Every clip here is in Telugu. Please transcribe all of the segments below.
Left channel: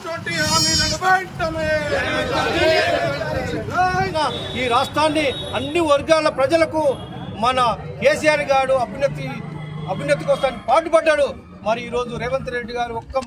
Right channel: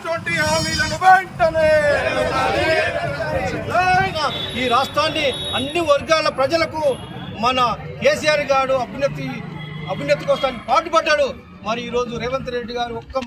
ఇచ్చినటువంటి హామీలను వెంటనే ఈ రాష్ట్రాన్ని అన్ని వర్గాల ప్రజలకు మన కేసీఆర్ గారు అభ్యున్నతి కోసం పాటుపడ్డాడు. మరి ఈరోజు రేవంత్ రెడ్డి గారు ఒక్క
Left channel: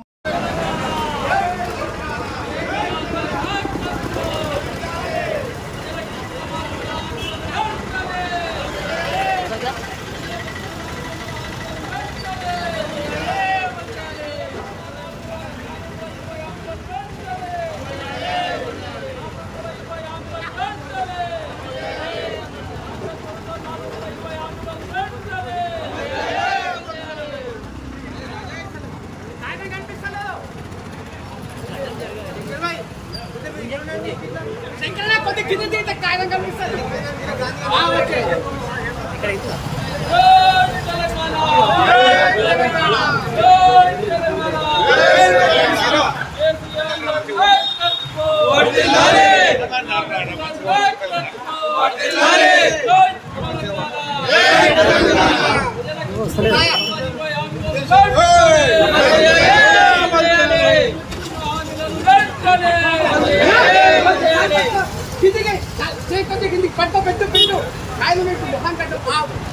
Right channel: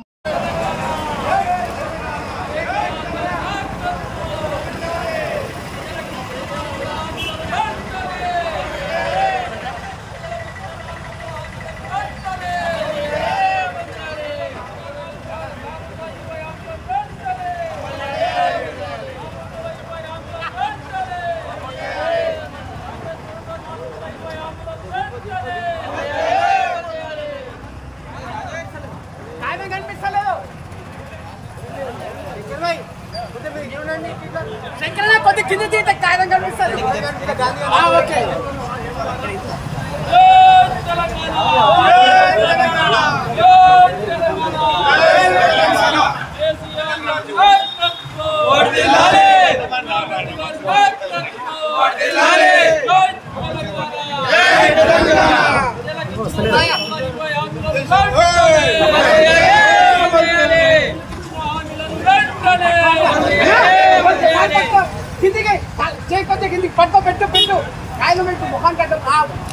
పెట్టు కాయలు పెట్టు ముఖం కట్ట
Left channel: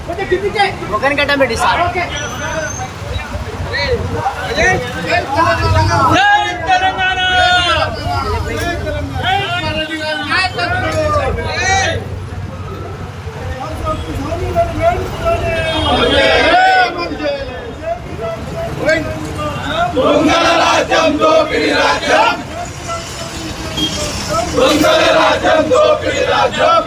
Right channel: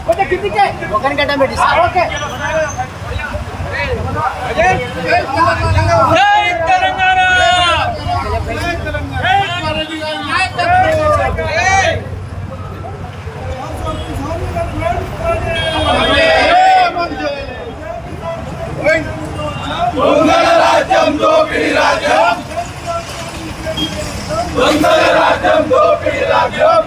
కొంచెం కిందికే ముఖం కట్ట పెట్టి ఓకే రాజ్యం దోపిడీ రాజ్యం రాజ్యం దోపిడీ రాజ్యం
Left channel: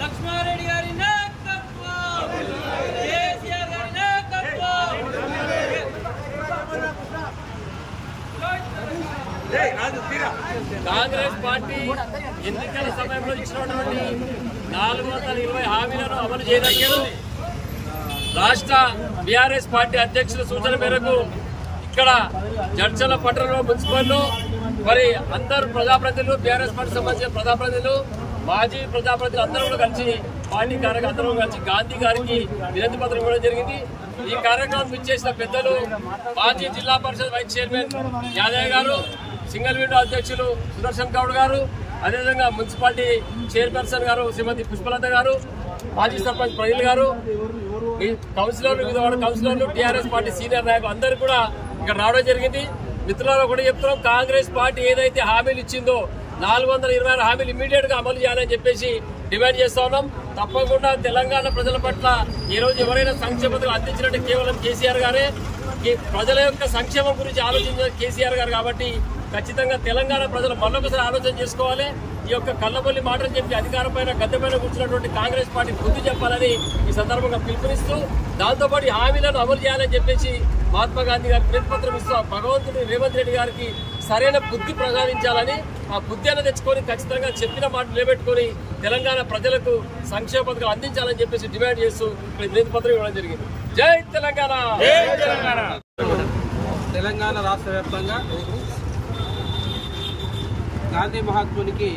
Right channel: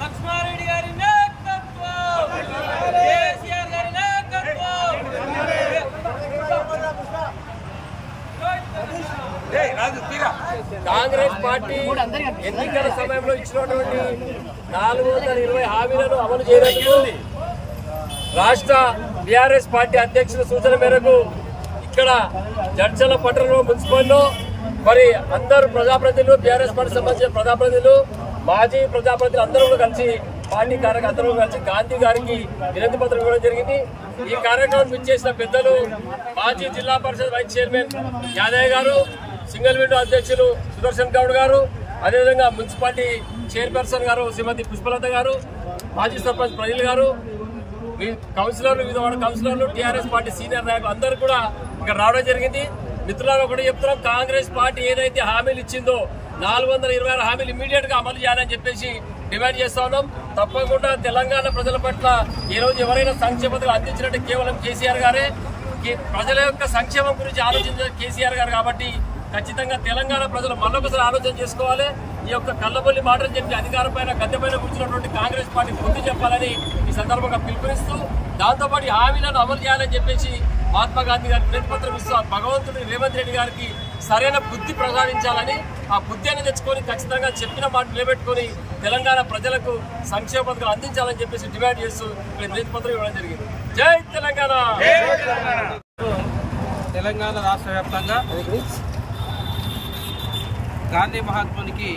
లక్ష్మారెడ్డి గారి నాయకత్వం, కేసీఆర్ గారి నాయకత్వం. కాంగ్రెస్ పార్టీ ఎన్నికల సమయంలో ఇచ్చినటువంటి 420 హామీలను అమలు చేయనందుకు రాష్ట్ర బీఆర్ఎస్ పార్టీ అధ్యక్షుల సూచన మేరకు ఇక్కడ జడ్చర్ల పట్టణంలో మున్సిపల్లో మరి అందరూ ప్రజాప్రతినిధులు, బీఆర్ఎస్ పార్టీ సంబంధించిన ప్రజాప్రతినిధులు, మాజీ ప్రజాప్రతినిధులు అందరూ కూడా కలిసి పార్టీ అందరూ కలిసి గాంధీ గారికి వినతి పత్రం ఇవ్వడం జరిగింది. ఈ కార్యక్రమం ఇచ్చేసిన పెద్దలు మాజీ జిల్లా పరిషత్ వైస్ చైర్మన్ యాదయ్య గారు, సింగిల్ విండో అధ్యక్షులు సుదర్శన్ గౌడ్ గారు, అదేవిధంగా మున్సిపాలిటీ చైర్పర్సన్ గారు శ్రీమతి పుష్పలత గారు, మాజీ సర్పంచ్ ప్రనిల్ గారు, కౌన్సిలర్లు, వివిధ వార్డు కౌన్సిలర్లు, టీఆర్ఎస్ పార్టీ సీనియర్ నాయకులు అందరూ కూడా ఇక్కడ రావడం జరిగింది. మిత్రులను కూడా చెప్తున్నాం, కాంగ్రెస్ పార్టీ ఏదైతే హామీలు ఇచ్చిందో 426 హామీలు ఇమీడియట్ గా అమలు చేయాలని చెప్పేసి డిమాండ్ చేస్తా ఉన్నాం. తప్పకుండా తెలంగాణ ప్రజల పట్ల ఈ రోజు ఎవరైనా సంక్షేమ పథకాలు అందించినట్టు కేవలం కేసీఆర్ గారే. ప్రజల యొక్క సంక్షేమం గురించి ఆలోచించిన కేసీఆర్ గారు కాబట్టి ఖచ్చితంగా తెలంగాణ ప్రజలు మళ్ళొకసారి ఆలోచన చేసుకోవాలి. ఈ యొక్క కళ్ళబొల్లి మాటలు చెప్పి అధికారం పైన గద్దె పైన కూర్చున్నటువంటి కాంగ్రెస్ పార్టీ బుద్ధి చెప్పాలని ఈ సందర్భంగా పిలుపునిస్తూ, దాంతోపాటు హామీలను అమలు చేయాలని చెప్పేసి మహాత్మా గాంధీ గారికి వినతి పత్రం ఇస్తూ భగవంతుడు రేవంత్ రెడ్డి గారికి సరైన బుద్ధి ప్రసాదించాలని, ఆ బుద్ధి అనేది తెచ్చుకొని ఖచ్చితంగా చెప్పిన మాట నిలబెట్టుకుని తెలంగాణ ప్రజలకు సంక్షేమ పథకాలు అందించాలని చెప్పేసి డిమాండ్ చేస్తూ ఇక్కడ వినతి పత్రం ఇవ్వడం జరిగింది. జై తెలంగాణ. తెలంగాణ రాష్ట్ర వ్యాప్తంగా గాంధీ మహాత్మునికి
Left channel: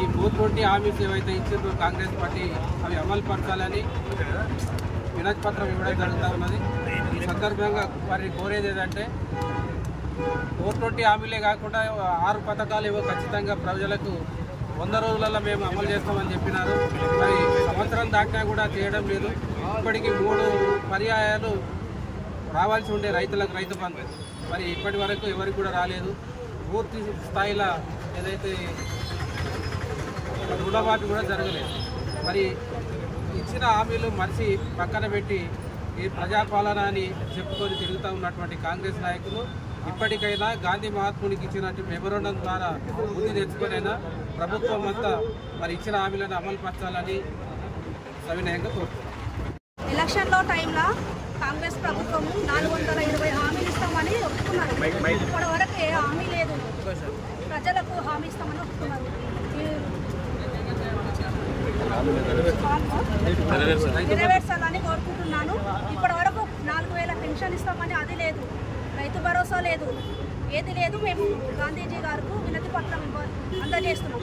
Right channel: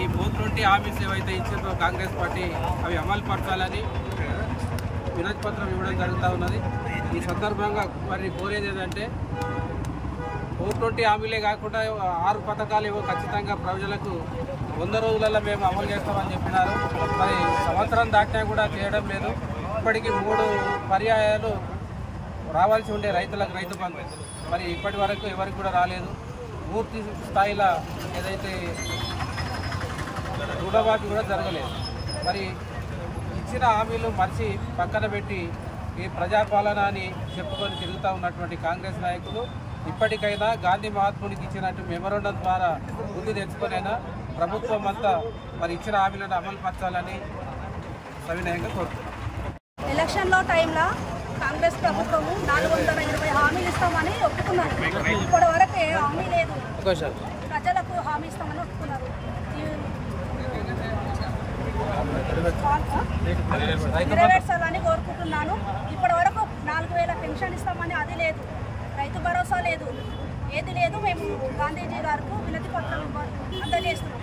ఈ 420 హామీస్ ఏవైతే ఇచ్చిందో కాంగ్రెస్ పార్టీ అవి అమలు పరచాలని వినతి పత్రం ఇవ్వడం జరుగుతూ ఉన్నది. ఈ సందర్భంగా వారిని కోరేది ఏంటంటే 420 హామీలే కాకుండా 6 పథకాలు ఏవో ఖచ్చితంగా ప్రజలకు 100 రోజులలో మేము అమలు చేస్తామని చెప్పినారు. మరి సంవత్సరం దాటినా కూడా చేయడం లేదు. ఇప్పటికీ 3 పర్యాయాలు రావాల్సి ఉండే రైతులకు రైతు బంధు మరి ఇప్పటి వరకు ఎవరికి కూడా రాలేదు. పూర్తి స్థాయిలో ఏదైతే రుణమాఫీ కూడా జరగలేదు. మరి ఇచ్చిన హామీలు మరిచి పక్కన పెట్టి ఈ ప్రజాపాలన అని చెప్పుకొని తిరుగుతూ ఉన్నటువంటి కాంగ్రెస్ నాయకులు ఇప్పటికైనా గాంధీ మహాత్మునికి ఇచ్చినట్టు మెమోరాండం ద్వారా బుద్ధి తెచ్చుకొనైనా ప్రభుత్వం అంతా మరి ఇచ్చిన హామీలను అమలు పరచాలని సవినయంగా కోరుతున్నాం. ఎలక్షన్లో టైంలో కాంగ్రెస్ ప్రభుత్వము 420 హామీలు ఇస్తామని ఒప్పుకున్నారు. ఇప్పటి వరకు ఏ హామీ లేదు. ప్రజలకు హామీ ఇస్తామని ఒప్పుకున్నారు. నెరవేర్చాలని కోరుకుంటున్నాను. ఇప్పటి వరకు 4000 పెన్షన్ ఇస్తామని అది లేదు. రైతు భరోసా లేదు. ఏది లేదు. మేము గాంధీజీ గారికి వినతి పత్రం అందజేస్తున్నాం.